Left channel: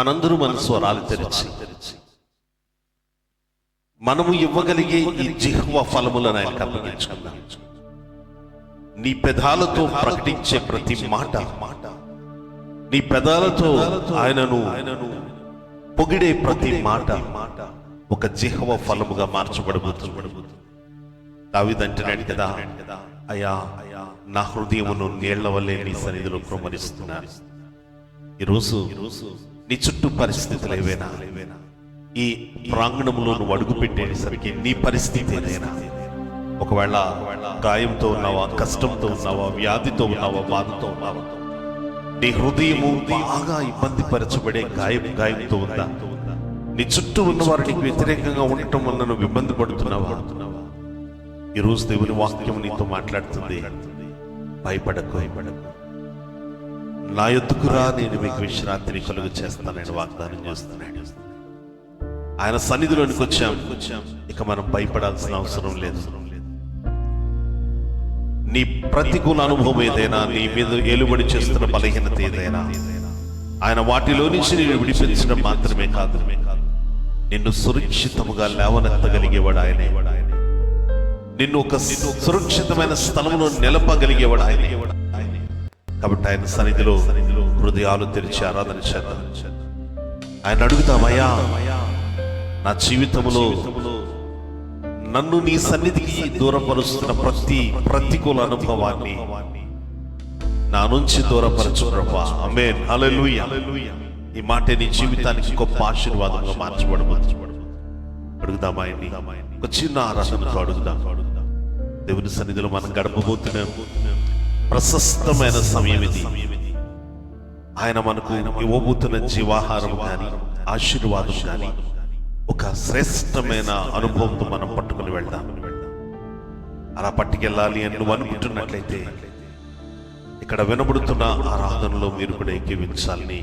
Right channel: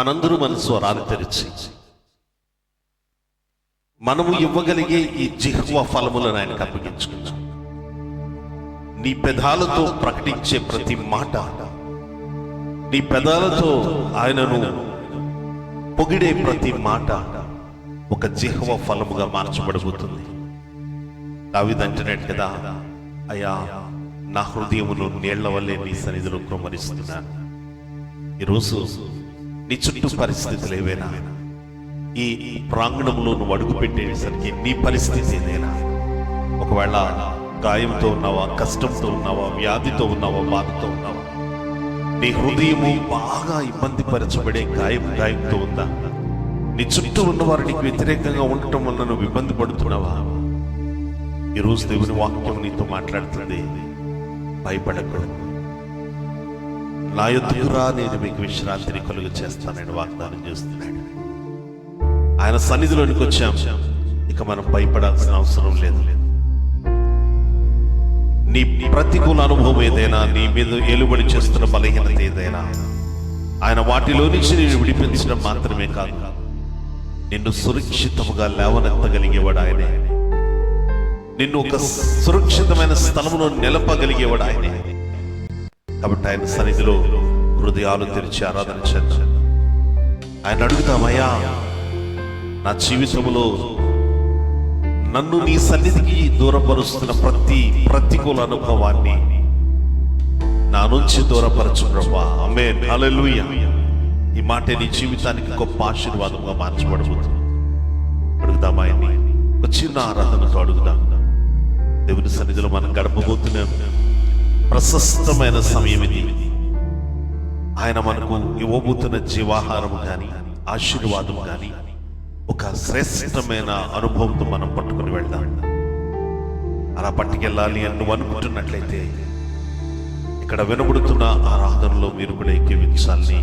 మనందరూ మన స్వరాలు తెరిచి మనము ఇవ్వగలిగే ఈ జిహ్వ ఫలములను ఆయనకు అప్పగించుకుందాం. నీ పెదాలతో ప్రకటించే ప్రతి మాట, నీ పెదాలతో ఆయనను పొగిడే ప్రతి మాట ఒక జిహ్వ ఫలముగా మార్చబడబోతుంది. దావీదు అంటున్నాడు కదా, అయ్యా నా హృదయమును నీళ్ల వల్లే నీ సన్నిధిలో కృమ్మరిస్తున్నాను. ఈరోజు నీ చుట్టూ పరిస్థితులు ఏవైనా, ఈ ప్రాంగణంలో నువ్వు అడుగు పెట్టేసరికి నీ పరిస్థితి ఏదైనా, ఒకవేళ గాయంతో ఉన్నావా, కష్టంతో ఉన్నావా, వ్యాధితో ఉన్నావా, బాధతో ఉన్నావా, నీ హృదయము బాగా ఇబ్బంది పరచబడే గాయంతో ఉందా, నీ చుట్టూ ఉన్నవారు నీకు వ్యతిరేకంగా ఉండటం వల్ల నువ్వు ఇబ్బంది పడుతున్నావా, ఈరోజు దేవుని వాక్యం నీతో మాట్లాడుతుంది. భయపడకు, నా యొద్దకు రా, నేను మీకు విశ్రాంతిని కలుగు చేస్తానని వాగ్దానం చేస్తున్నాడు. ఆయన సన్నిధిలోనికి వచ్చాం, ఇక మనం భయపడాల్సిన అవసరం లేదు. నీ ప్రతికూల అనుభవం ఏదైనా, నీ మీద ఏలుబడి చేస్తున్న బలహీనత ఏదైనా, ఆయన వాటిలో నుంచి నేను విడిపించడం మాత్రమే కాదు, నిన్ను సురక్షితముగా లేవనెత్తగలిగేవాడు ఆయనే. నిన్ను ఒక సురక్షితమైన స్థలంలో నిలపగలిగేవాడు ఆయనే. కాబట్టి ఆయన సన్నిధిలో హృదయాలు తెరిచి ఆరాధన చేద్దాం. ఆయన అడుగుతామయ్యా, నా జీవితంలో నన్ను నీ సన్నిధికి దూరపరుస్తున్న ప్రతి ప్రతికూల అనుభవాన్ని నా నుంచి దూరపరచు ప్రభువా. ఆమేన్, హల్లెలూయా. ఈ మాట నీ జీవితానికి గొప్ప ఆశీర్వాదంగా మార్చబడబోతుంది. అడుగుదాం ఆయన్ని, ఒక చిన్న ఆరాధనతో అడుగుదాం. దేవుని సన్నిధిలో మనం గడపబోతున్నాం. ప్రశస్తమైన సమయం ఇది. ఆయన మనకు ఇవ్వబోతున్న జీవాహారం కానీ, ఆశీర్వాదం కానీ, ఒక శ్రేష్టమైన అనుభవంతో మనం పట్టుకుని వెళ్దాం. అలా పట్టుకెళ్ళాలి అని నువ్వు అనుకుంటున్నట్లయితే, ఇక్కడ వినబడుతున్న ఆరాధనలో మీరు కూడా ఎక్కివించాలని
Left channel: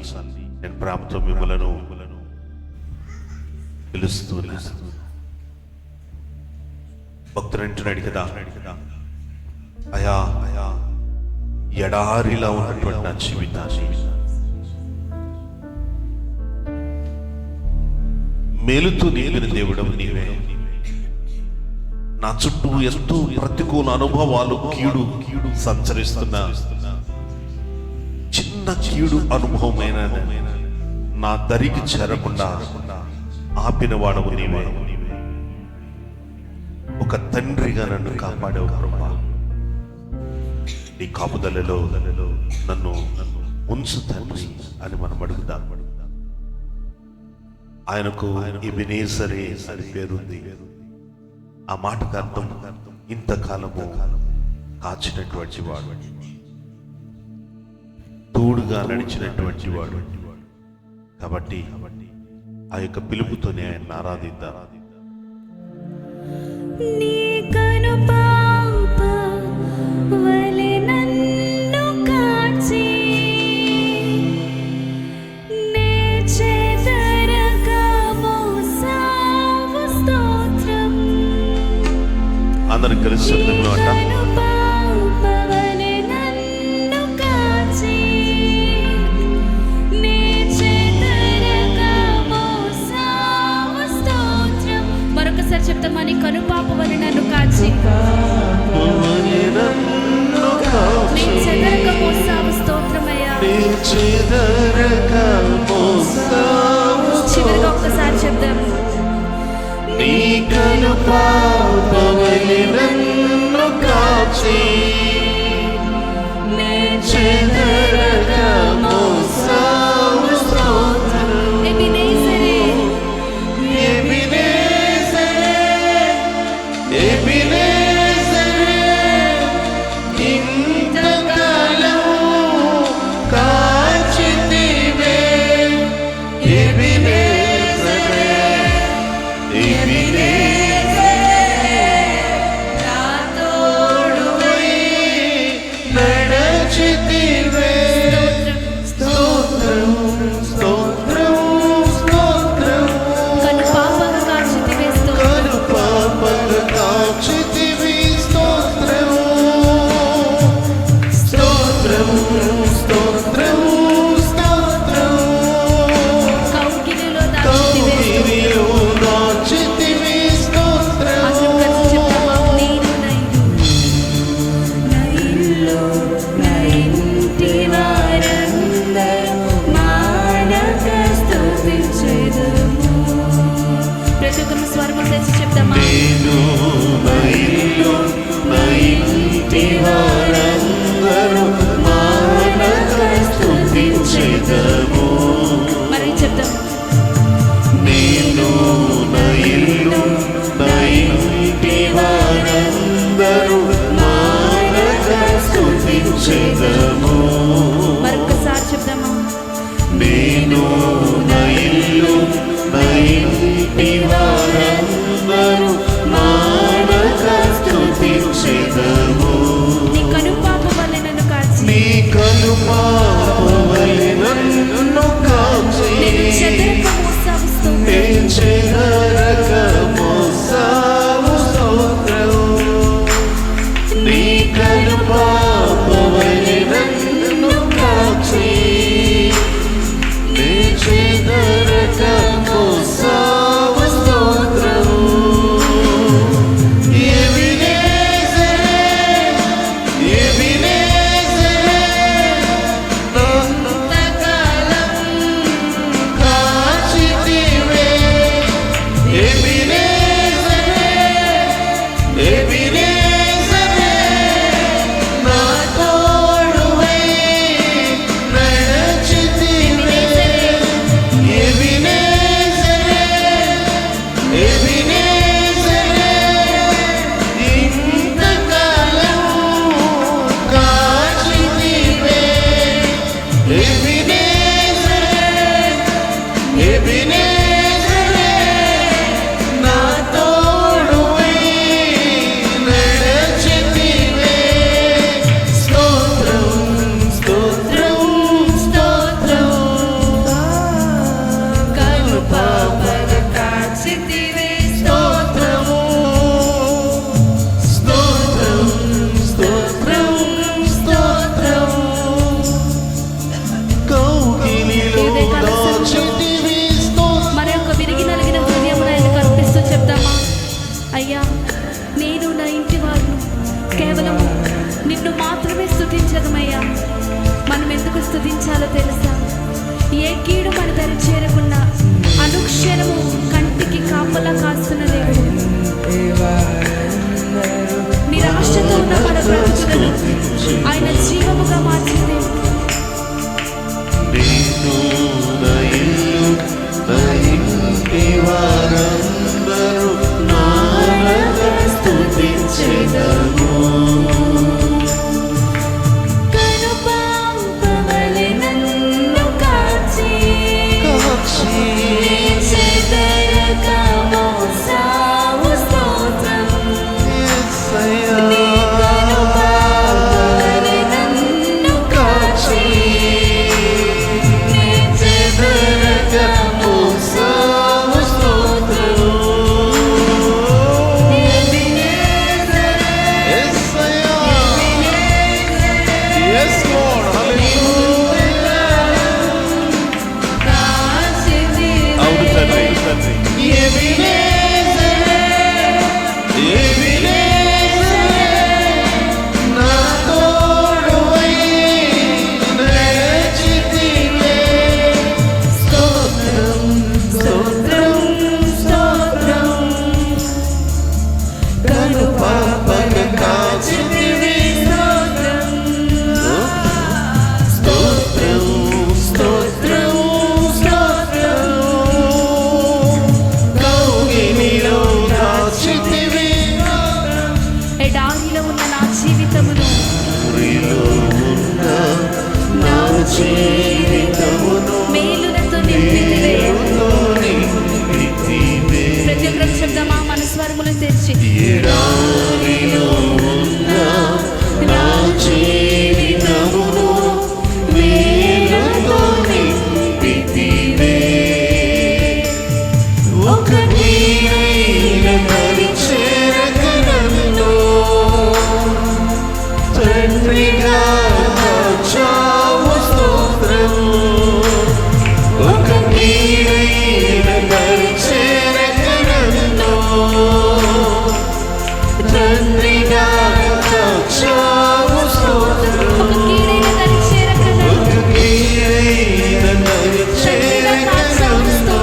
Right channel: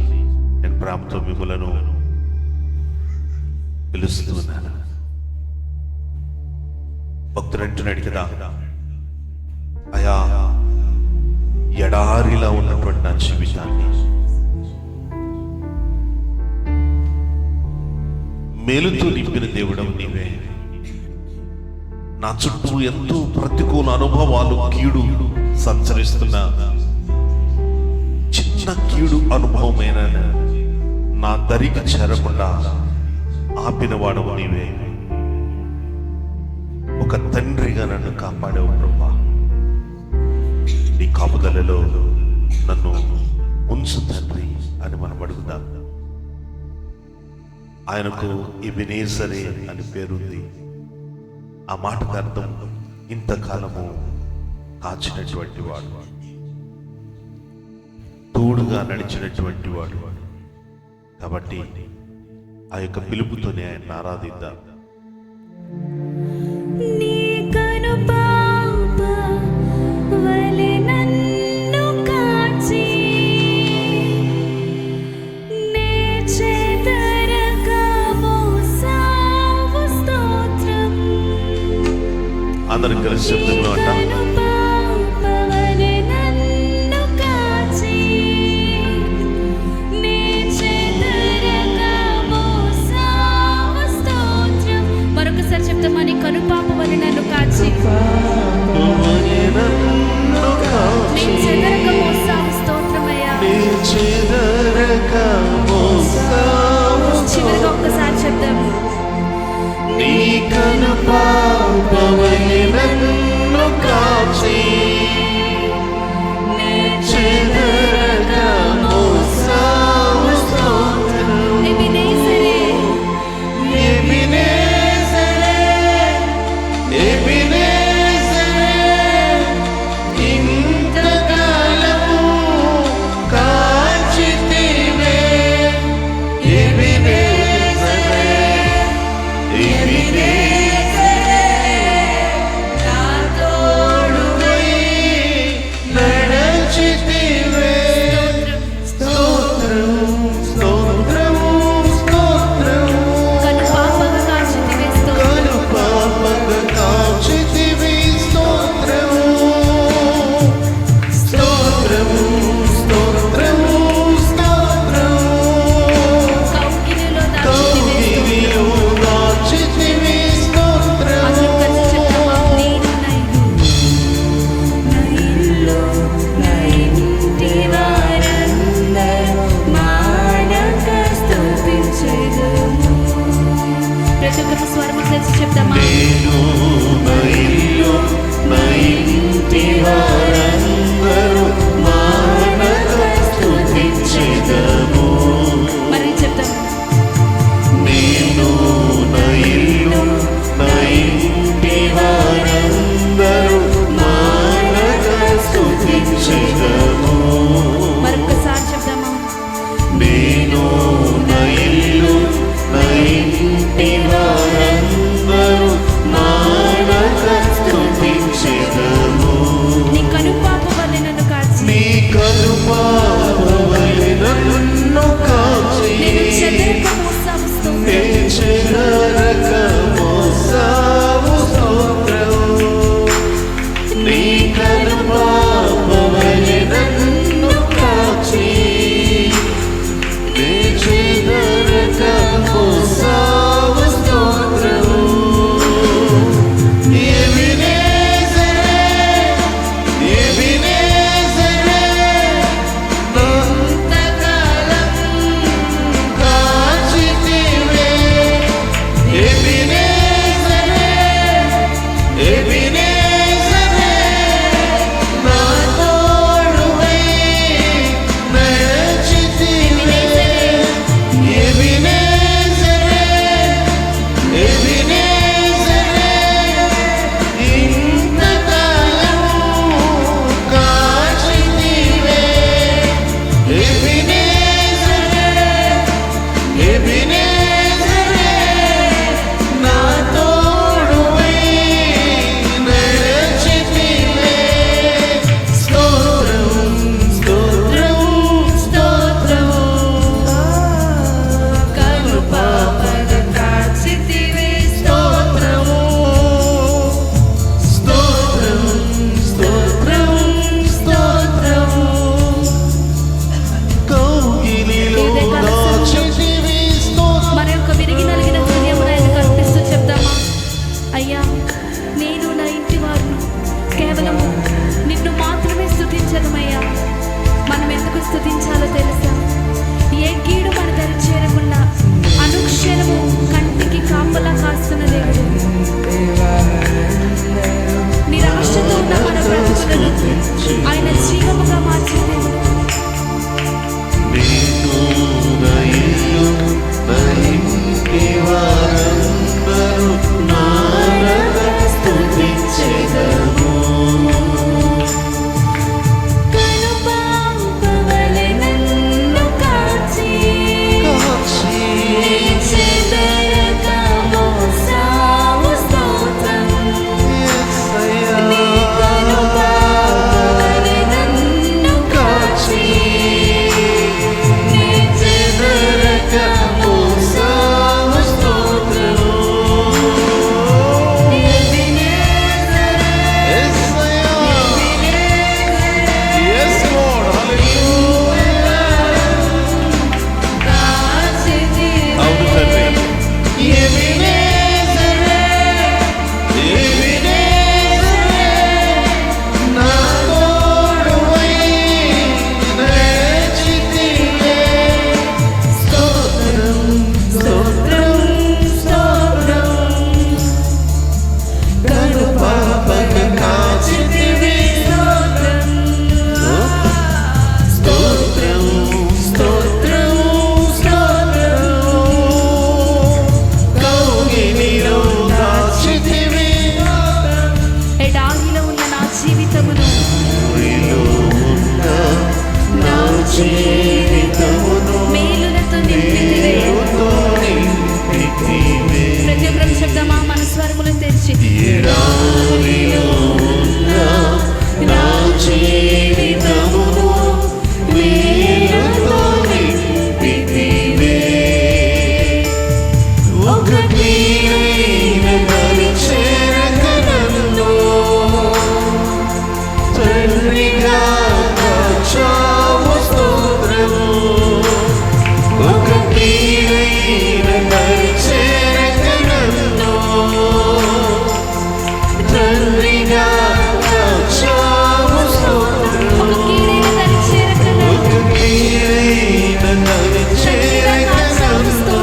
నేను ప్రేమతో మిమ్మలను పిలుస్తున్నాను. భక్తుడు అంటున్నాడు కదా, అయా ఎడారిలా ఉన్నటువంటి నా జీవితాన్ని మేలుతో నింపిన దేవుడవు నీవే. నా చుట్టూ ఎంతో ప్రతికూల అనుభవాలు, కీడు సంచరిస్తున్న చిన్న కీడు అనుభవమైన నా దరికి చేరకుండా ఆపిన వాడవు నీవే. ఒక తండ్రిగా నన్ను కాపాడావు ప్రభువా. నీ కాపుదలలో నన్ను ఉంచు తండ్రి అని మనం అడుగుదాం. ఆయనకు ఎబెనేజరే అని పేరుంది. ఆ మాటకు అర్థం ఇంతకాలము కాచినటువంటి వాడు, తోడుగా నడిచినటువంటి వాడు. కాబట్టి ఆ యొక్క పిలుపుతోనే ఆయన ఆరాధిద్దాం. అందరికి కలిసి శబ్దంలో అంట, మరొకసారి చెప్తామా, నీ కనుపాప వలె నన్ను కాచి, నీ చెదరక మోసావు స్తోత్రమయ్యా. చివరిగా ఒక్కసారి చెప్దాం, నీ కనుపాప వలె నన్ను కాచి, నీ చెదరక మోసావు స్తోత్రం. ఎబెనేజరే, ఎబెనేజరే, ఎబెనేజరే, ఇంతకాలము కాచితివే. ఎబెనేజరే, నా తోడువై నడచితివే. స్తుతించెదము. ప్రతి ఒక్కరు స్వరములు తెచ్చి చెప్తామా? నేను నా ఇల్లు నా ఇంటి వారందరూ మానక స్తుతించెదము. మరి చెప్తాం. నేను నా ఇల్లు నా ఇంటి వారందరూ మానక స్తుతించెదము. మరొకసారి చెప్దామా? నేను నా ఇల్లు నా ఇంటి వారందరూ మానక స్తుతించెదము. నీ కనుపాప వలె నన్ను కాచి, నీ కనుపాప వలె నన్ను కాచి, నేను చెదరక మోసావు స్తోత్రం. నేను చెదరక మోసావు స్తోత్రం. నీ కనుపాప వలె నన్ను కాచి, నేను చెదరక మోసావు స్తోత్రం. మన యొక్క విరిగి నలిగిన హృదయమును ఆయనకు అర్పిస్తూ చెప్దామా? అయ్యా, నేను నా ఇంటి వారును కేవలము నిన్ను మాత్రమే స్తుతించదమయ్యా. మనం ఎందుకు స్తుతించాలో తెలుసా? ఏ కీడు మన దరి చేరకుండా అనుక్షణము కంటికి కాపలా కాస్తున్న దేవుడు. నిరాశతో ఉన్న మన బ్రతుకులను ఆయన జీవముగా మార్చే దేవుడు. నేను నా ఇల్లు నా ఇంటి వారందరూ మానక స్తుతించెదము. కనుపాప వలె నన్ను కాచి, చెదరక మోసావు స్తోత్రం. నీ కనుపాప వలె నన్ను కాచి, ఎడారిలో ఉన్న నా జీవితమును, మేలులతో నింపితివే. ప్రతి ఒక్కరు చెప్దామా? మన స్వరములు తెరిచి. ఎడారిలో ఉన్న నా జీవితమును మేలుతో నింపితివే. ఒకటి దరి చేరక నన్ను తండ్రిగా కాచావు స్తోత్రము. ఒకటి దరి చేరక నన్ను తండ్రిగా కాచావు స్తోత్రము. ఒక కీడైన దరి చేరక నన్ను ఒక కీడైన దరి చేరక నన్ను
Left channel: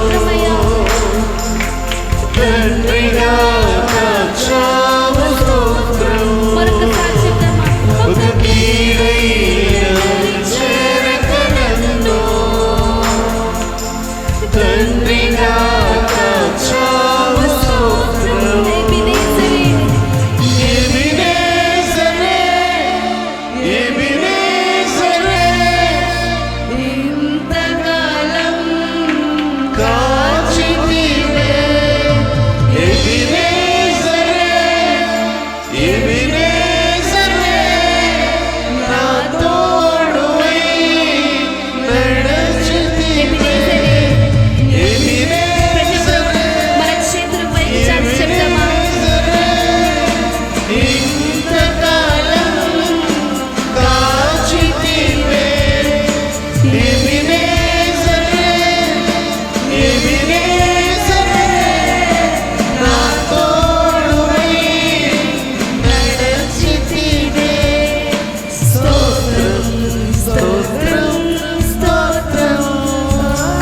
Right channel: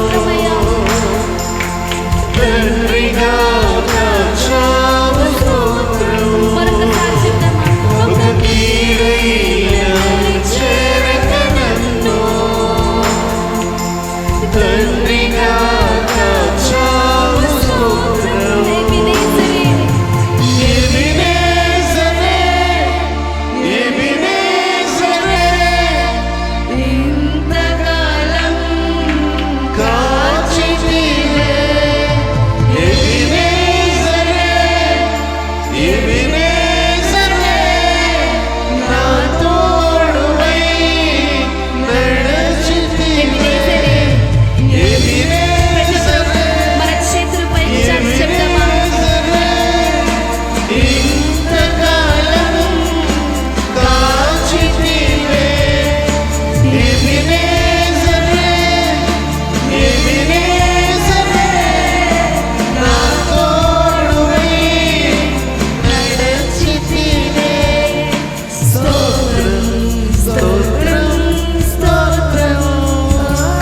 తండ్రిగా కాచావు స్తోత్రం. ఎబినేజరే, ఎబినేజరే, ఇంతకాలం కాచితివే. ఎబినేజరే, ఎబినేజరే, నా తోడువై నడచితివే. ఎబినేజరే, మన చేతులపై చాచి చెప్తామా? ఇంతకాలం కాచితివే. ఎబినేజరే, ఎబినేజరే, నా తోడువై నడచితివే. స్తోత్రం, స్తోత్రం, స్తోత్రం.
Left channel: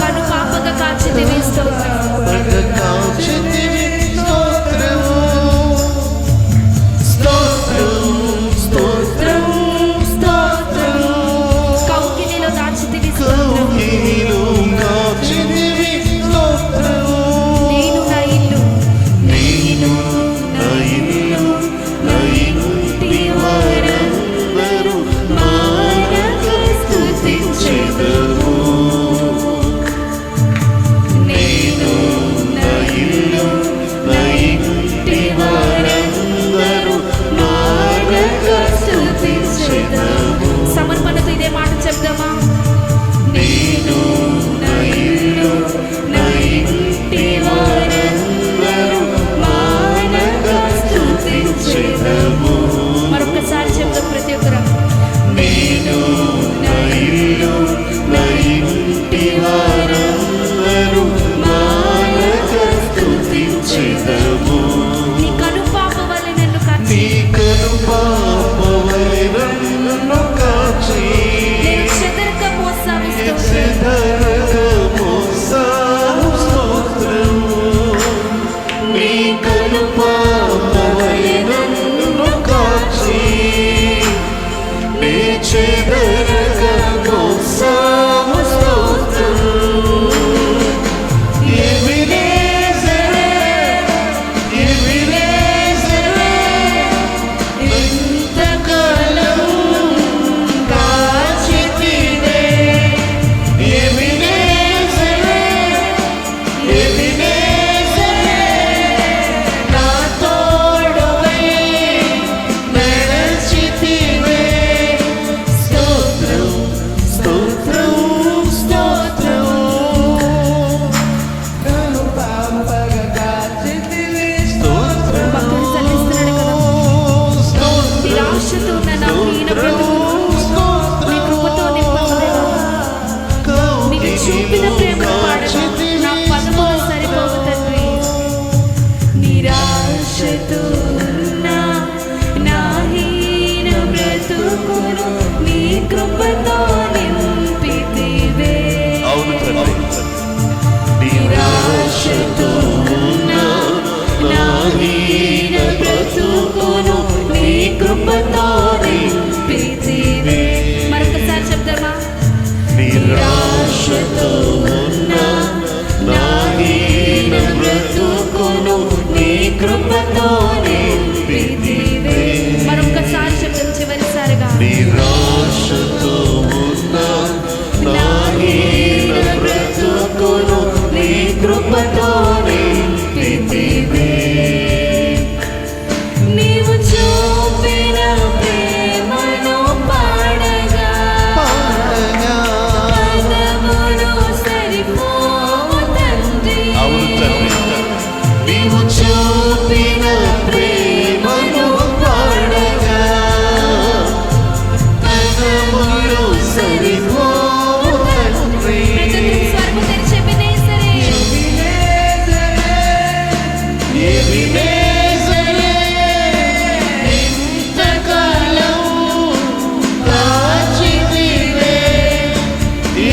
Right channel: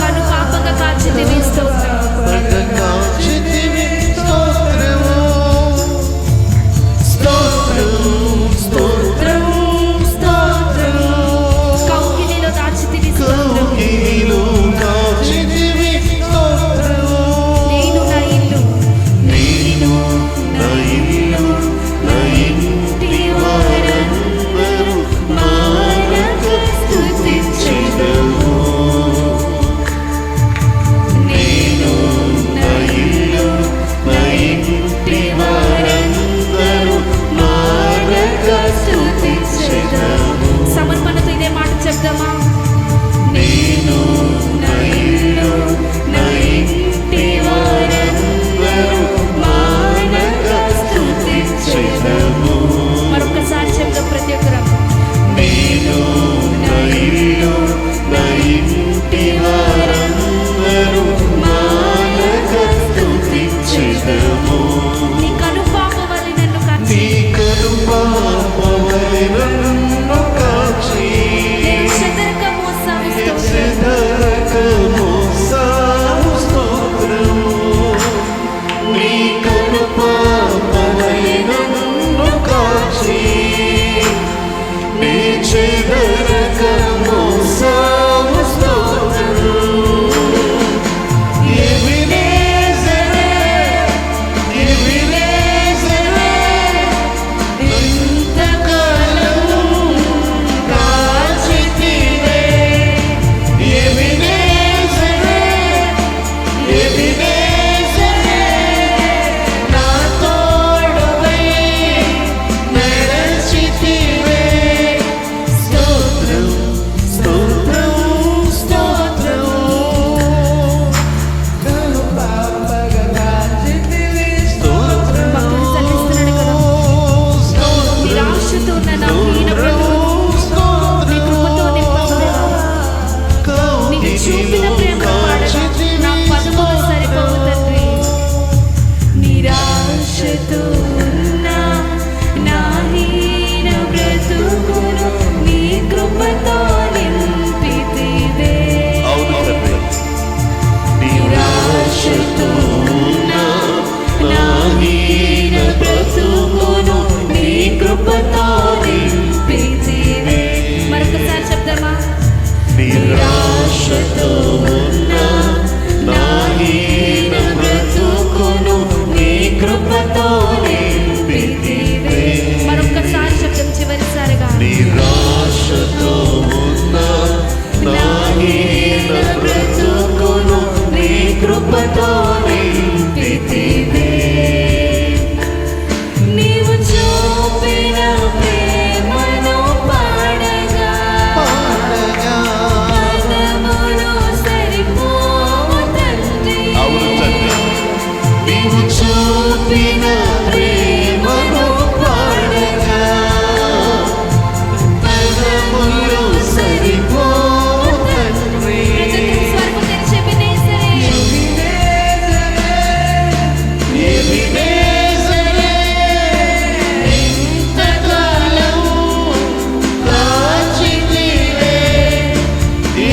కను పాపగా కాచితివి స్తోత్రం. కాచితివి స్తోత్రము. స్తోత్రం, స్తోత్రం, స్తోత్రం. కౌగిలిలో దాచితివి స్తోత్రం. కౌగిలిలో కాచితివి స్తోత్రము. నేను నా ఇల్లు, నేను నా ఇల్లు, నా ఇంటి వారందరూ మానక స్తుతించెదము. నేను నా ఇల్లు, నా ఇంటి వారందరూ మానక స్తుతించెదము. సమర్పణతో ఇదే మాట చెప్దామా? నేను నా ఇల్లు, నా ఇంటి వారందరూ మానక స్తుతించెదము. మరొకసారి చెప్దాం ప్రతి ఒక్కరం. నేను నా ఇల్లు, నా ఇంటి వారందరూ మానక స్తుతించెదము. నీ కను పాప వలె నన్ను కాచి, నీ కనుపాపవలె నన్ను కాచి, నేను చెదరక మోసావు స్తోత్రం. చెదరక మోసావు స్తోత్రము. నీ కనుపాపవలె నన్ను కాచి, నీ చెదరక మోసావు స్తోత్రము. ఎబినేజరే, ఎబినేజరే, ఇంతకాలం కాచితివే. ఎబినేజరే, ఎబినేజరే, నా తోడువై నడచితివే. స్తోత్రం, స్తోత్రం, స్తోత్రం. స్తోత్రం, భక్తుడు చెల్లిస్తున్నాడు కదా. స్తోత్రం, నిరాశతో ఉన్న నా హీన బ్రతుకును నీ కృపతో నింపవదేవా. నీకు చూపిన ప్రేమను పాడగా నా పదములు సరిపోవు తండ్రి. నిరాశతో ఉన్న నా హీన బ్రతుకును నీ కృపతో నింపితివే. అవును తండ్రి, నిరాశతో ఉన్న నా హీన బ్రతుకును నీ కృపతో నింపితివే. మరొకసారి చెప్దామా? నిరాశతో ఉన్న నా హీన బ్రతుకును నీ కృపతో నింపితివే. మరొకసారి చెప్దాం చివరిసారిగా. నిరాశతో ఉన్న నా హీన బ్రతుకును నీ కృపతో నింపితివే. నీవు చూపిన ప్రేమను పాడగా పదములు సరిపోవు తండ్రి. అవును తండ్రి, నీవు చూపిన ప్రేమను పాడగా పదములు సరిపోవు తండ్రి. ప్రతి స్వరము తెరిచి ఎబినేజరే, ఎబినేజరే, ఇంతకాలం కాచితివే.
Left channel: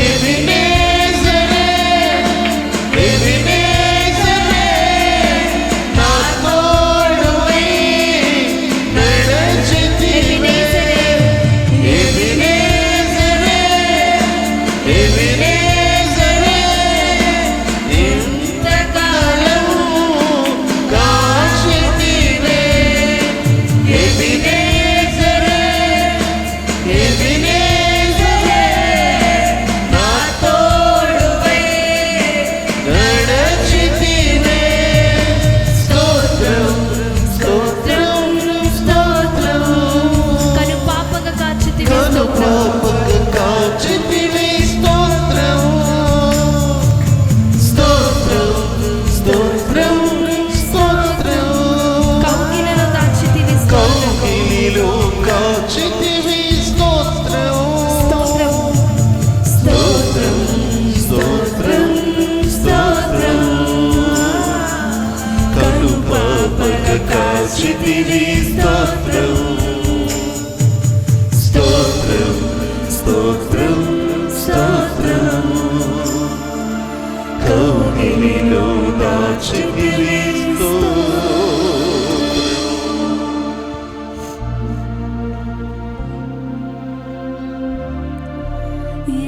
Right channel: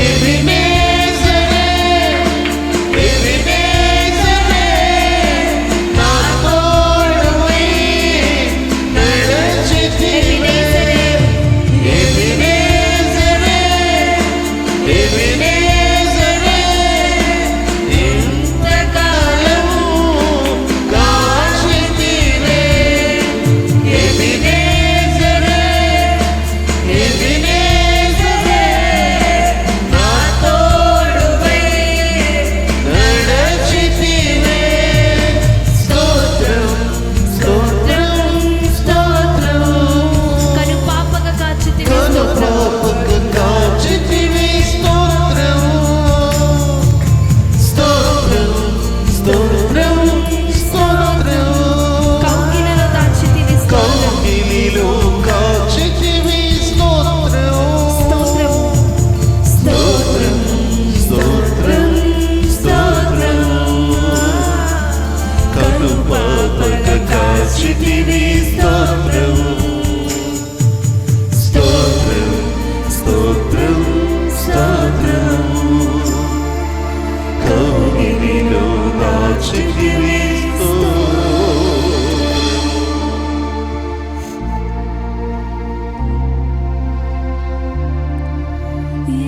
ఎబినేజరే, ఎబినేజరే, నా కౌగిలిలో దాచితివి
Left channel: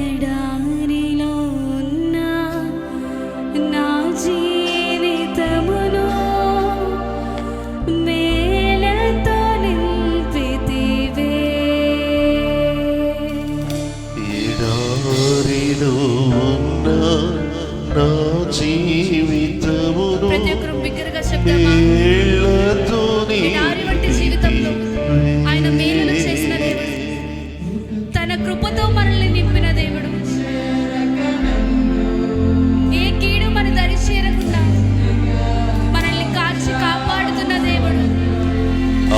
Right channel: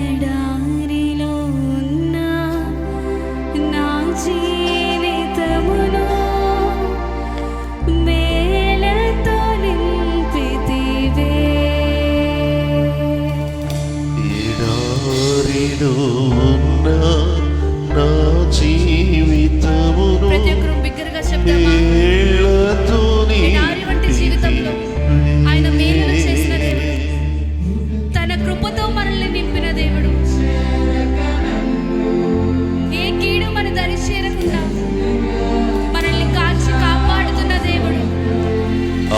ఎడారిలో ఉన్న నా జీవితమును మేలతో నింపితివే. ఎడారిలో ఉన్న నా జీవితమును ప్రతి ఒక్కరు బిగ్గరగా చెప్తామా? మేలతో ఎడారి వంటి జీవితంలో ఆయన మేలును చేసిన దేవుడు, తన కృపతో మనల్ని నింపిన దేవుడు, ఏ కీడు మన దరి చేరకుండా మనల్ని కాచి కాపాడుతున్న దేవుడు.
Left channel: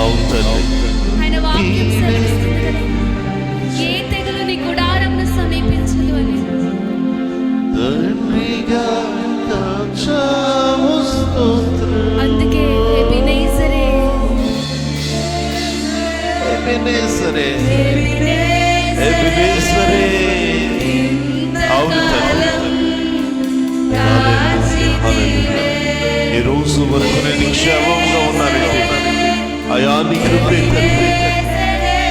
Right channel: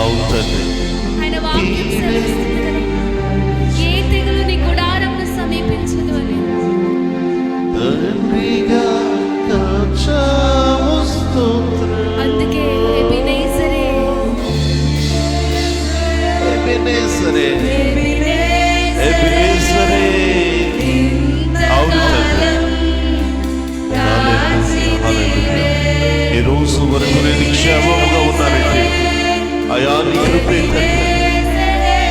అవుతుంది. ఆయన వాక్యం సెలవిస్తుంది కదా, ఏ తెగులు నీ గుడారమును సమీపించదు అని. అందుకే ఎబెనేజరే ఎబెనేజరే ఎబెనేజరే. అవును తండ్రి, ఈ రోజు వరకు నేను క్షేమంగా ఉన్నానంటే అయా నీ కృపే తండ్రి.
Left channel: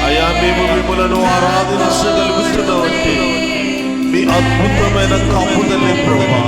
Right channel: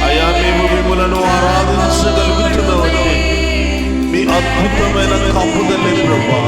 అయా మేము మిమ్మలను ఆరాధించగలుగుతున్నామంటే మీ అద్భుతమైన కాపుదలే ప్రభా.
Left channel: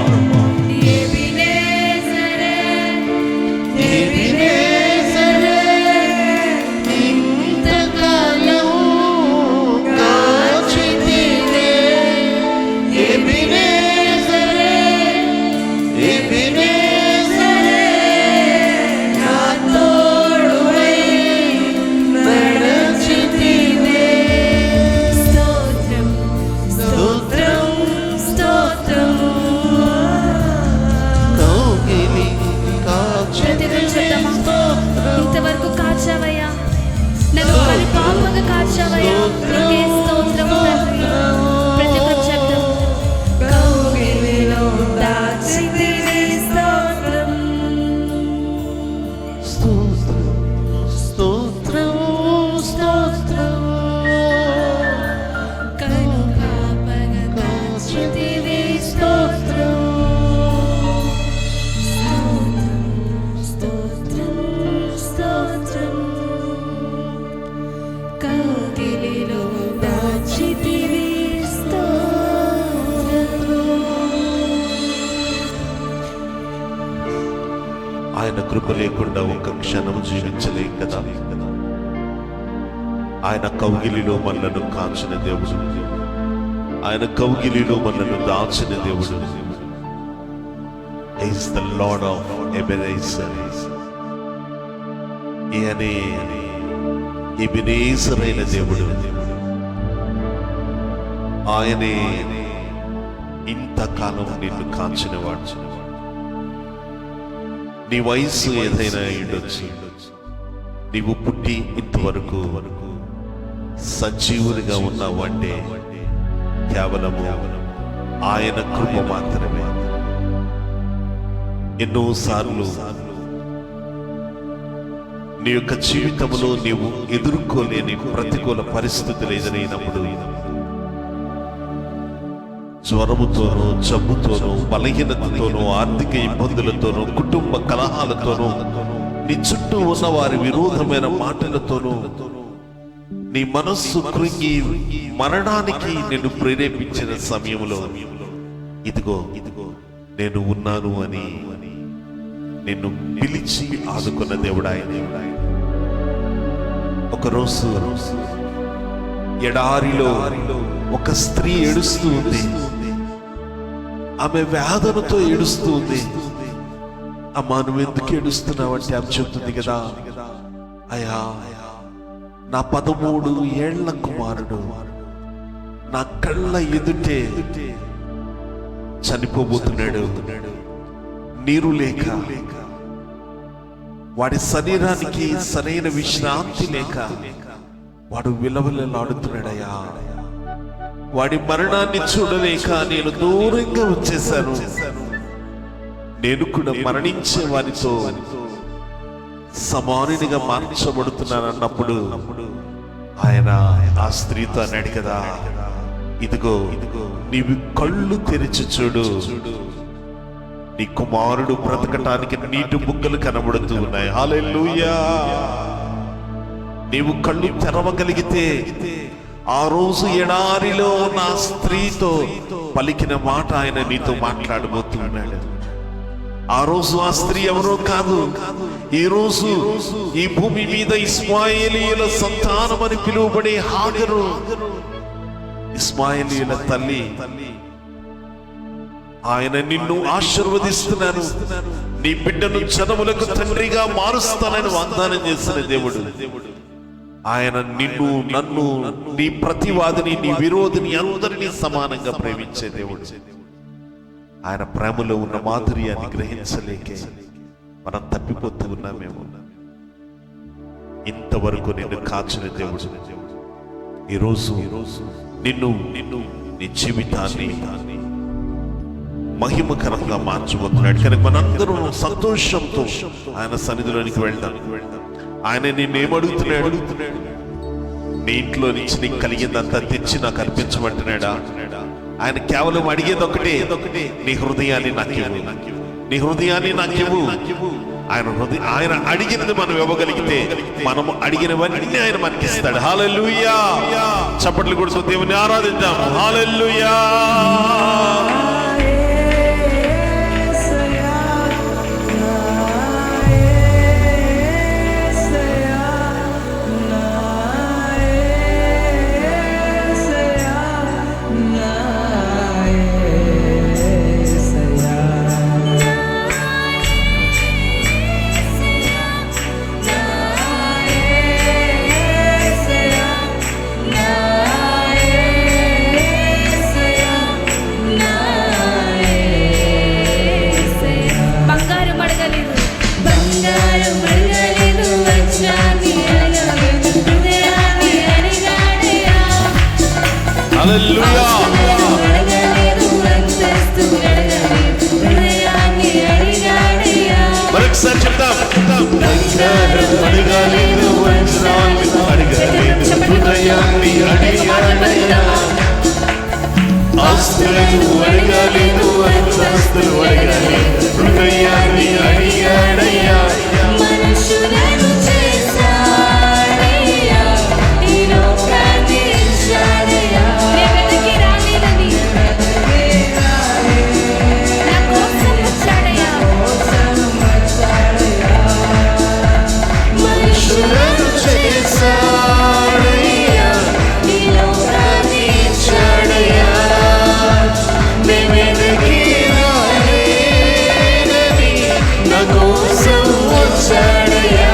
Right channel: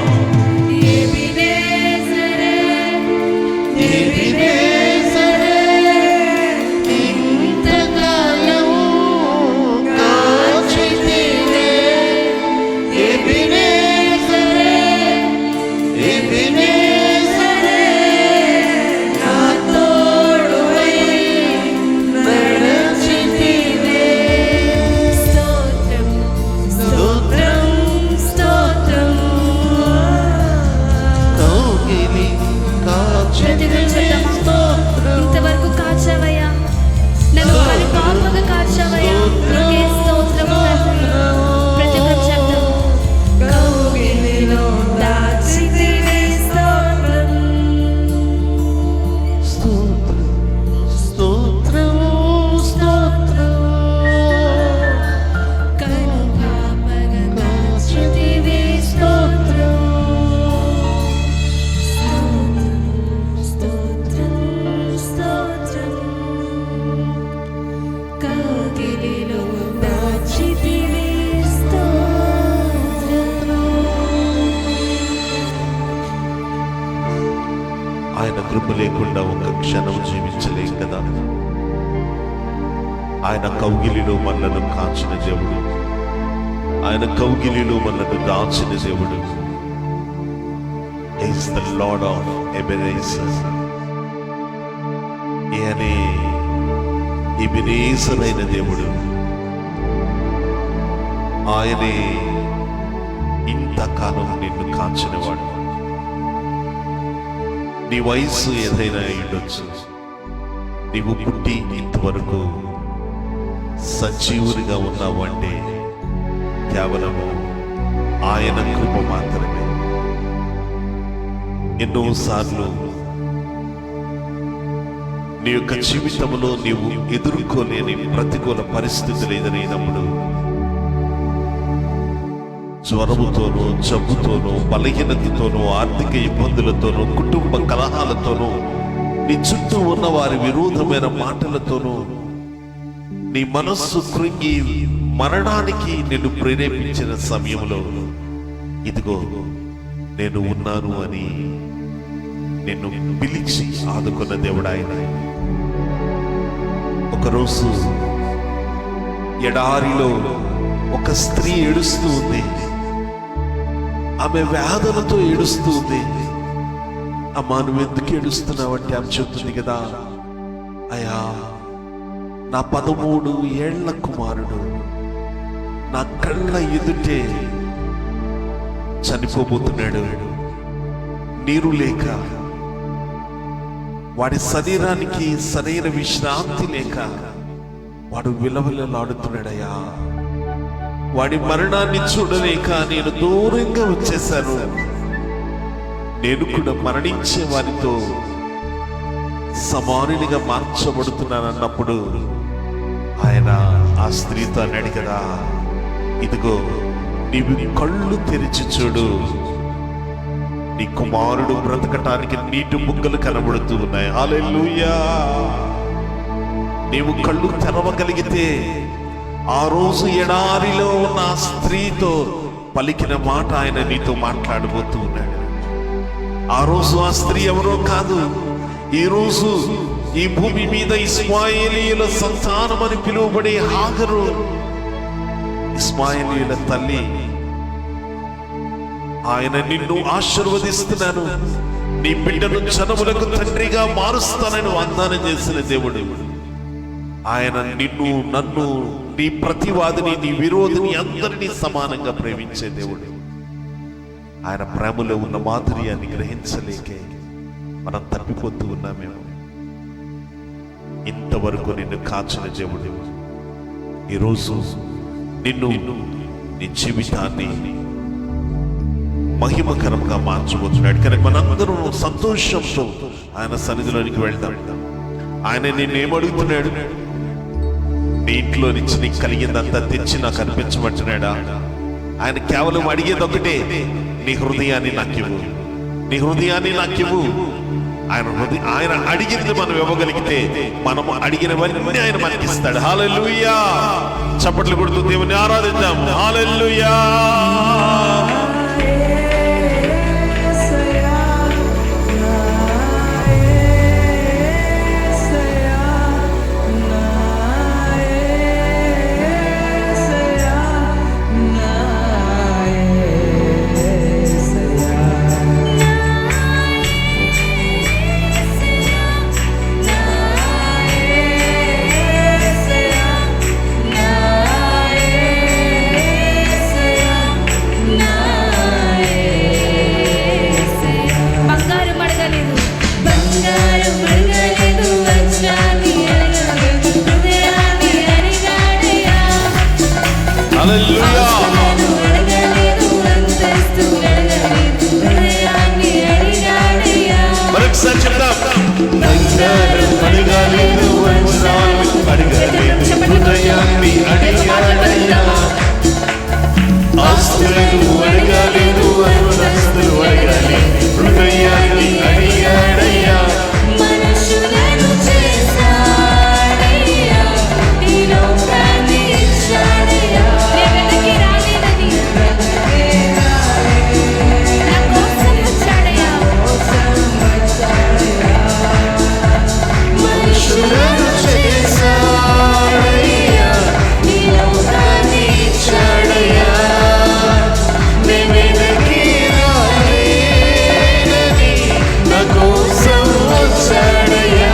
ఇంతవరకు కాచావయ్యా, నన్ను పరిపాపగా కాచావయ్యా, నీకే స్తోత్రము తండ్రి. ప్రతి ఒక్క శబ్దం కౌగిలిలో దాచితివి స్తోత్రం. స్తోత్రం స్తోత్రం స్తోత్రం. కరుపాపగా కాచితివి స్తోత్రం. కౌగిలిలో దాచితివి స్తోత్రం. ఆయన కృప లేకుండా ఒక్క క్షణం జీవించలేం కదా. ఆయన కౌగిలిలో మనలను కాచిన దేవుడు, ఆయన కౌగిలిలో మనలను దాచిన దేవుడు. He is the Lord of Ebenezer. ఈయనే ఎబెనేజర్ అయిన దేవుడు. ఆయనే ఇంతకాలం నిన్ను కాచినవాడు. నీ వయస్సు ఏదైనా ఉండొచ్చు, నీవు పుట్టి ఇంతవరకు సజీవునిగా ఉన్నావు అంటే కేవలము ఆయన కృప మాత్రమే. ఎన్నోసార్లు నీ యొక్క జీవితంలో నీవు ఎదుర్కోలేని ప్రతికూల పరిస్థితులు ఎదురైనప్పుడు, జ్వరముతోనూ, జబ్బుతోనూ, బలహీనతతోనూ, ఆర్థిక ఇబ్బందులతోనూ, కుటుంబ కలహాలతోనూ, నీ చుట్టూ ఉన్న వారి విరోధమైన మాటలతోనూ నీ మనస్సు కృంగి మరణానికి నిన్ను ప్రేరేపించిన సమయంలో, ఇదిగో నేను ఉన్నాను అని నిన్ను పిలిచి ఆదుకున్న దేవుడు ఆయనే. ఒకరోజు ఎడారిలో ఒక స్త్రీ ఏడుస్తూ ఉంది. ఆమె వేదనతో ఏడుస్తూ ఉంది. అమ్మా, నువ్వెందుకు ఏడుస్తున్నావంటే ఆమె చెప్తుంది కదా, అయ్యా నా 13 ఏళ్ల కుమారుడు నా కళ్ళ ఎదుటే చనిపోబోతున్నాడు. నీరు లేక, వాడి శరీరానికి సరైన విశ్రాంతి లేక వాడు విలవిలలాడుతున్నాడయ్యా. వాడి మరణాన్ని చూడలేక నేను దూరంగా వచ్చేశాను. నేను కూడా మరణించే వారితో సమానునిగా మార్చబడుతున్నానన్నప్పుడు ఆయన ఆ స్త్రీతో అన్నాడు కదా, ఇదిగో నీవు కళ్ళు తెరిచి చూడు, నీ కుమారుడు బ్రతకటానికి నీటి బుగ్గలు కనబడుతూ ఉన్నాయి. హల్లెలూయా. నీవు కళ్ళు తెరవగలిగితే ఆ రోజు ఎడారిలో ఉన్న ఆ స్త్రీతో పలికిన మాట ఆయన నీతో మాట్లాడబోతూ ఉన్నాడు. ఆ రోజు ఆ స్త్రీ ఎవరో కాదు, ఈ రోజు ఈ భూమి మీద ఇస్మాయేలీయుల సంతానం అని పిలువబడే హాగరు, ఇస్మాయేలీయుల తల్లి. ఆయన నిన్ను ఆశీర్వదిస్తున్నాను, నీ బిడ్డను జనములకు తండ్రిగా మారుస్తానని వాగ్దానం చేసిన దేవుడు. ఆయన నిన్ను, నన్ను, నీ ప్రతివాదిని, నీ విరోధిని అందరినీ సమానంగా ప్రేమించే దేవుడు. ఆయన ప్రేమలో ఉన్న మాధుర్యాన్ని గ్రహించలేకే మనం తప్పిపోతూ ఉన్నామేమో. ఇంతవరకు నిన్ను కాచిన దేవుడు ఈరోజు నిన్ను, నీ జీవితాన్ని మహిమకరంగా మార్చబోతున్నాడు. కనుక మనందరం సంతోషంతో ఆయన సన్నిధిలోనికి వెళ్దాం. ఆయన నిన్నేమడుగుతున్నాడు? నీ ఇంట్లో నుంచి నీకు కలిగిందంతా తెచ్చి నాకు అర్పించమంటున్నాడా? ఆయన కేవలం అడిగేది ఒకటే, నీ హృదయాన్ని నాకివ్వు, నీ హృదయాన్ని నాకివ్వు. ఆయన అడిగినది మనం ఇవ్వగలిగితే మనము అడిగినవన్నీ ఆయన మనకిస్తాడు. హల్లెలూయా. చప్పట్లు కొడుతూ దేవుని ఆరాధిద్దాము. హల్లెలూయా. మరొకసారి చెప్తాం. బంగారం అడగాలేదు, వజ్రాలు అడగాలేదు, హృదయాన్ని అడిగాడయ్యా. ఆస్తులను అడగాలేదు, అంతస్తులు అడగాలేదు, హృదయాన్ని అడిగాడయ్యా. మనుషులను చేశాడయ్యా, ఈ లోకాన్ని ఇచ్చాడయ్యా. వెనక్కి రాలేదని నా కోసం వచ్చాడయ్యా. మనుషులను చేశాడయ్యా, ఈ లోకాన్ని ఇచ్చాడయ్యా. వెనక్కి రాలేదని నా కోసం వచ్చాడయ్యా.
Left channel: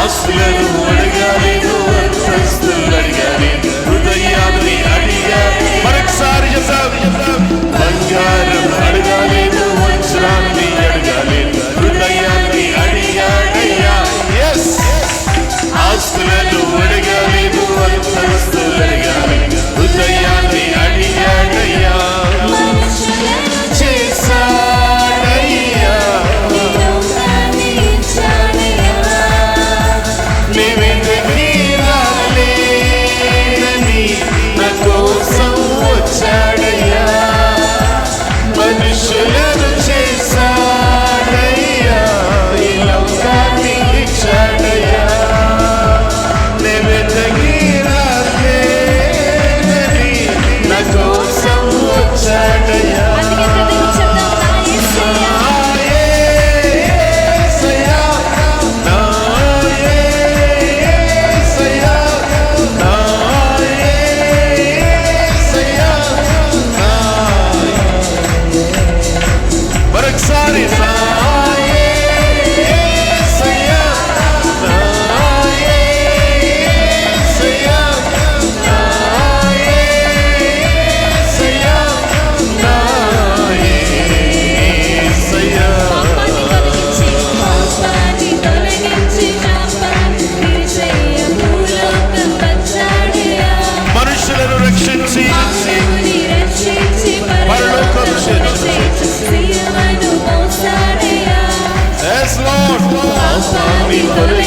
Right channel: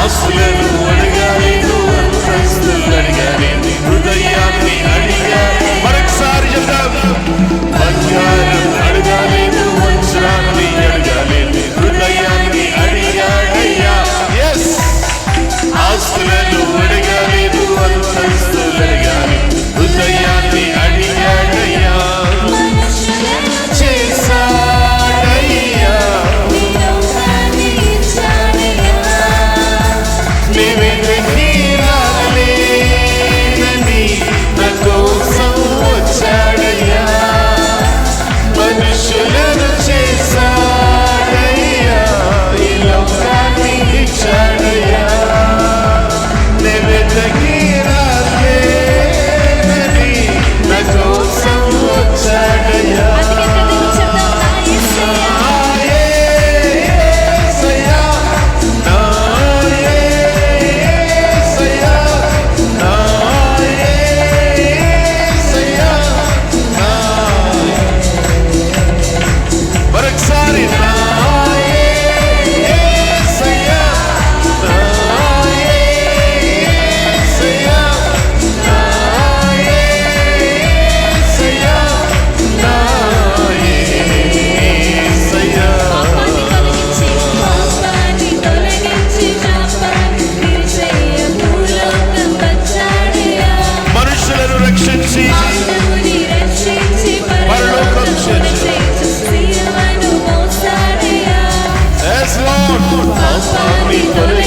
ఆస్తులను అడగాలేదు, అంతస్తులు అడగాలేదు, హృదయాన్ని అడిగా. మరొకసారి చెప్తాం. బంగారం అడగాలేదు, వజ్రాన్ని అడగాలేదు, హృదయాన్ని అడిగాడయ్యా. ఎస్. ఆస్తులను అడగాలేదు, అంతస్తులు అడగాలేదు, హృదయాన్ని అడిగాడయ్యా. చేశాడయ్యా, వచ్చాడయ్యా. మనుషులను చేశాడయ్యా, ఈ లోకాన్ని ఇచ్చాడయ్యా. వెనక్కి రాలేదని నా కోసం వచ్చాడయ్యా. మరొకసారి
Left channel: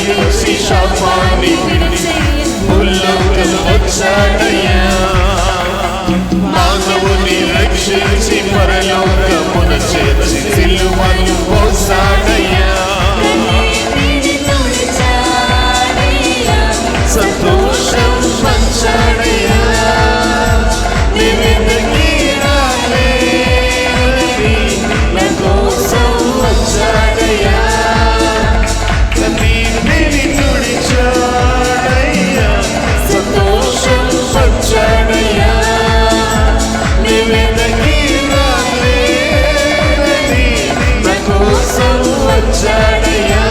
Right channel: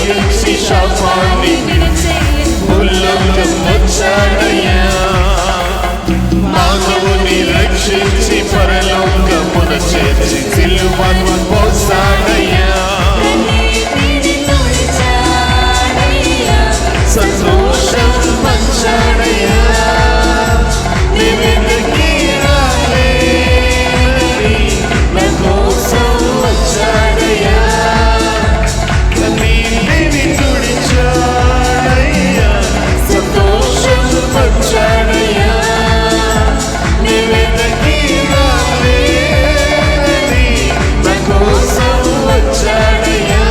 జయించి శాపాన్ని భూలోకం వచ్చాడయ్యా, మానవుని రక్షించి పరలోకమున చేర్చి సిలువను మోసాడయ్యా, సంతోషం పంచాడయ్యా, నీ వెనక్కి రాలేనని నా కోసం వచ్చాడయ్యా, కన్నీటిని తుడిచాడయ్యా, సంతోషం పంచాడయ్యా, నీ వెనక్కి రాలేనని నా కోసం వచ్చాడయ్యా.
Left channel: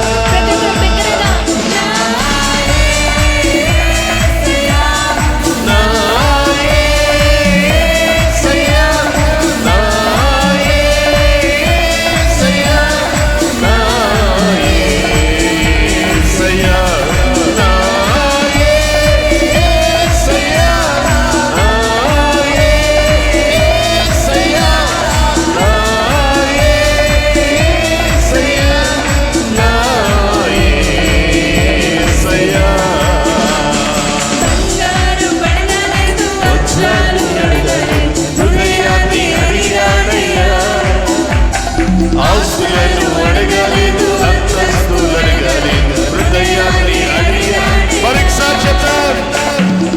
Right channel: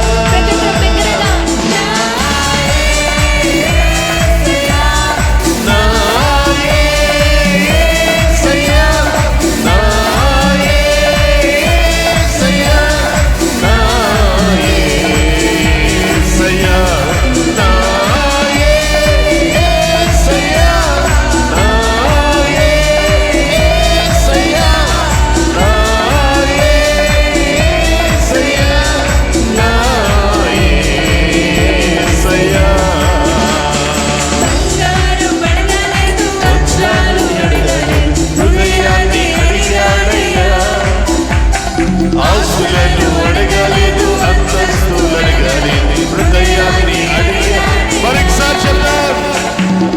ఆస్తులను అడగలేదు, అంతస్తులు అడగలేదు, హృదయాన్ని అడిగా. మరొకసారి చెప్తాం,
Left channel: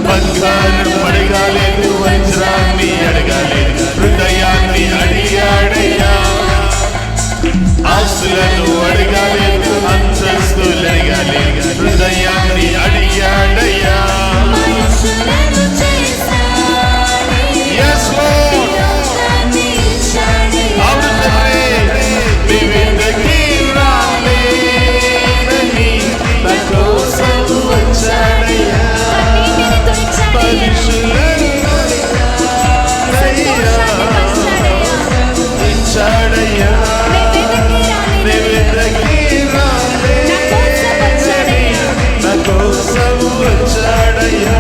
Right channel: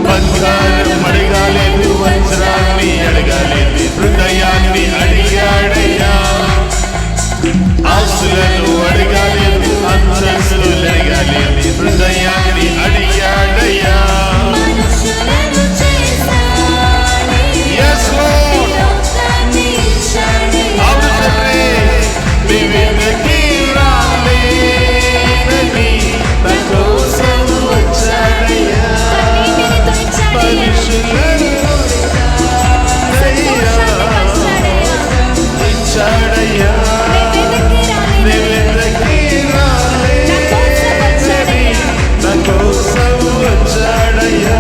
బంగారం అడగలేదు, వజ్రాన్ని అడగలేదు, హృదయాన్ని అడిగాడయ్యా. ఆస్తులను అడగలేదు, అంతస్తులు అడగలేదు, హృదయాన్ని అడిగాడయ్యా. Yes, Lord. అవును తండ్రి, నీ వెనక్కి రాలేనని నా కోసం వచ్చాడయ్యా, మనుషులను వచ్చాడయ్యా, నీ వెనక్కి రాలేనని నా కోసం వచ్చాడయ్యా.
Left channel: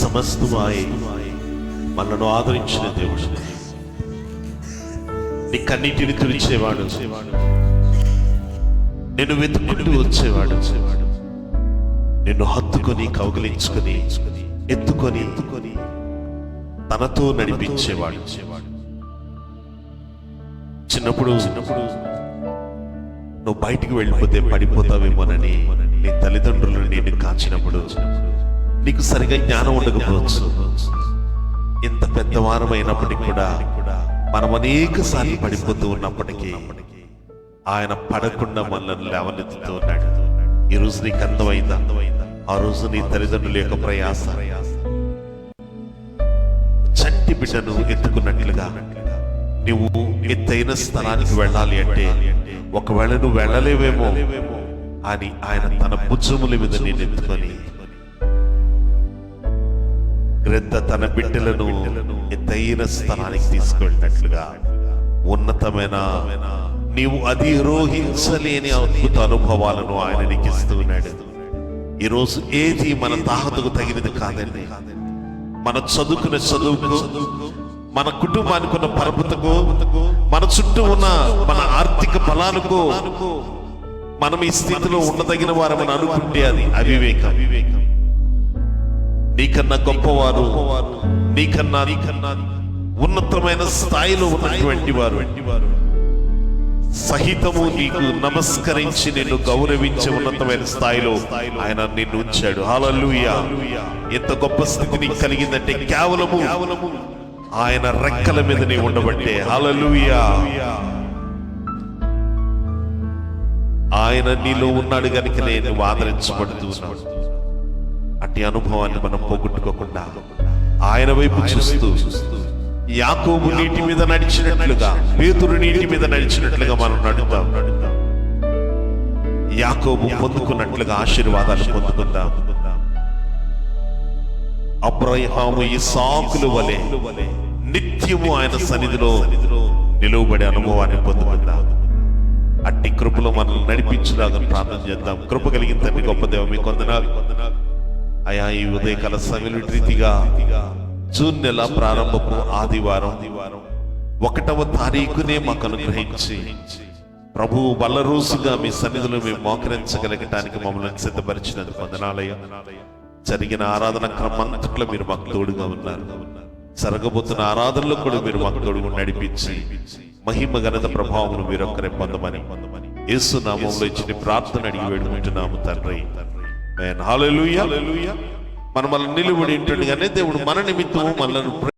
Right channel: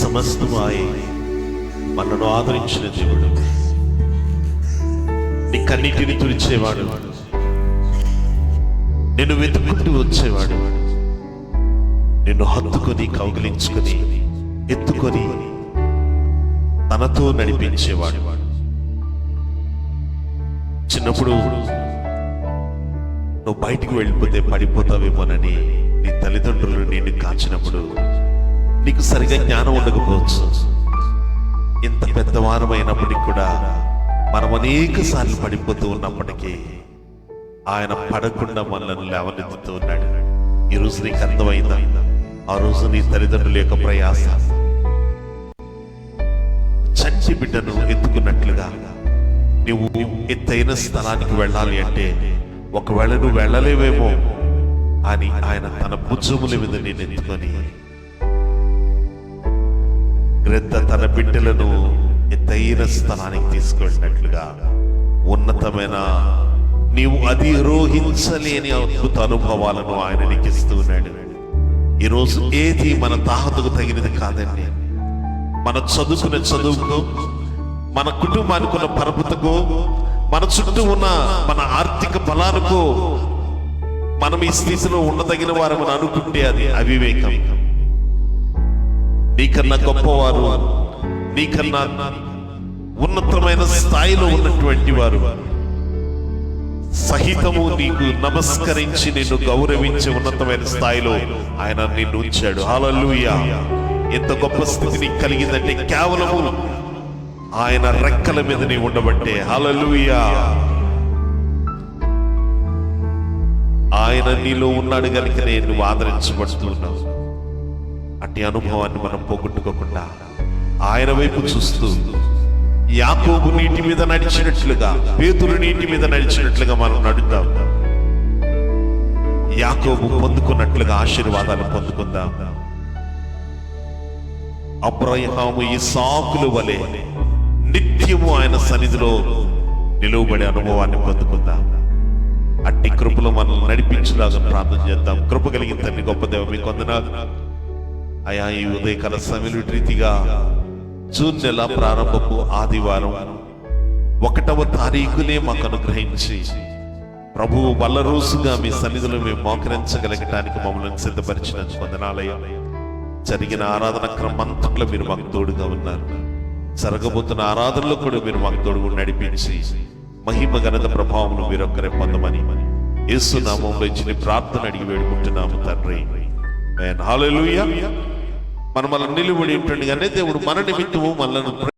సమస్తమాయే మనను ఆదరించిన దేవుడు, నీ కన్నీటిని తుడిచేవాడు, నిన్ను వెతుక్కుంటూ వచ్చేవాడు, నిన్ను హత్తుకొని కౌగిలించుకొని ఎత్తుకొని తనతో నడిపించేవాడు. చిన్నప్పుడు నువ్వు బయటికి వెళ్ళిపోతే పడిపోతావేమోనని నీ తల్లిదండ్రులు నిన్ను కాచినప్పుడు నీకు సరిగా జ్ఞానం ఉండకపోవచ్చు. ఇంత పెద్దవారమైనప్పటికీ కూడా మనం అనేక సార్లు పడిపోతూ ఉన్నప్పటికీ ఆయన పడకుండా మనల్ని లేవనెత్తుతూ ఉన్నాడు. ఈరోజు నీకు అర్థమైందా? ఆ రోజు నీ తల్లిదండ్రుల యొక్క ప్రయాస చంటి బిడ్డను ఎత్తుకున్నట్లుగా నువ్వు ఎత్తైన స్థలానికి వెళ్ళాలి అంటే ఒకవేళ నువ్వు వెళ్ళలేవేమో అని ఆయన తన భుజముల మీద నేను ఎత్తుకొని గ్రద్ద తన బిడ్డలను ఎత్తైన స్థలానికి తీసుకువెళ్ళినట్లుగా ఉన్నతమైన నీవు అధిరోహించలేని అద్భుత అనుభవాలను ఆయన నీకు ఇస్తూ ఉన్నాడు. ఈరోజు ఏది మన తాహతకు తగినది కాదండి. మన చదువుకున్న చదువుకు, మన కుటుంబానికి ఉన్న పరపతకు, మన చుట్టూ ఉన్న మన ఆర్థిక బలాలకు మనం ఈ స్థితిలో ఉండదగిన వారమని అనుకుంటే అది అవివేకం. నీకన్నా గొప్పవారు, నీకన్నా ఉన్నతమైన స్థాయిలో ఉన్నటువంటి వారు సహితము నీకు నమస్కరించి నిన్ను గౌరవించే ఉన్నతమైన స్థాయిలో ఆయన నిన్ను ఉంచాడు. హల్లెలూయా! ఎంత గొప్ప స్థితి నీకు కలిగిందంటే కేవలము ఆయన రెక్కల మీద నీ ఉండబట్టే. హల్లెలూయా! ఆయన నీలో ఉన్నాడు కనుకనే నువ్వు ఆదరించబడుతూ ఉన్నావు. అట్టి అనుభవాన్ని మనం పోగొట్టుకోకుండా ఆయన వైపు చూస్తూ యాకోబు నీటి మీద నడిచినట్లుగా, పేతురు నీటి మీద నడిచినట్లుగా మనం నడుద్దాం. యాకోబు పొందుకున్నట్లుగా ఆశీర్వాదాలు పొందుకుందాం. అబ్రహాము ఇస్సాకుల వలె నిత్యము ఆయన సన్నిధిలో నిలువబడే అనుభవాన్ని పొందుకుందాం. అట్టి కృపలో మనల్ని నడిపించులాగా ప్రార్థన చేద్దాం. కృప కలిగిన తండ్రి, గొప్ప దేవ, మీకు వందనాలు అయా. ఈ ఉదయకాల సమయంలో రీతిగా జూన్ నెల ప్రారంభపు ఆదివారం 1వ తారీఖునే మాకు అనుగ్రహించి ప్రభువు వల్ల రోజుగా మీ సన్నిధిలో మేము మోకరించగలగటానికి మమ్మల్ని సిద్ధపరిచినందుకు వందనాలయ్యా. జరిగిన ఆరాధన క్రమంతట్లో మీరు మాకు తోడుగా ఉన్నారు. జరగబోతున్న ఆరాధనలో కూడా మీరు మాకు తోడుగా నడిపించి మహిమ ఘనత ప్రభావములు మీరొక్కరే పొందమని యేసు నామంలో ఇచ్చిన ప్రార్థన అడిగి వేడుకుంటున్నాము తండ్రి. హల్లెలూయా. మనం నిలబడి ఉంటుండగానే దేవుడు మన నిమిత్తము మనల్ని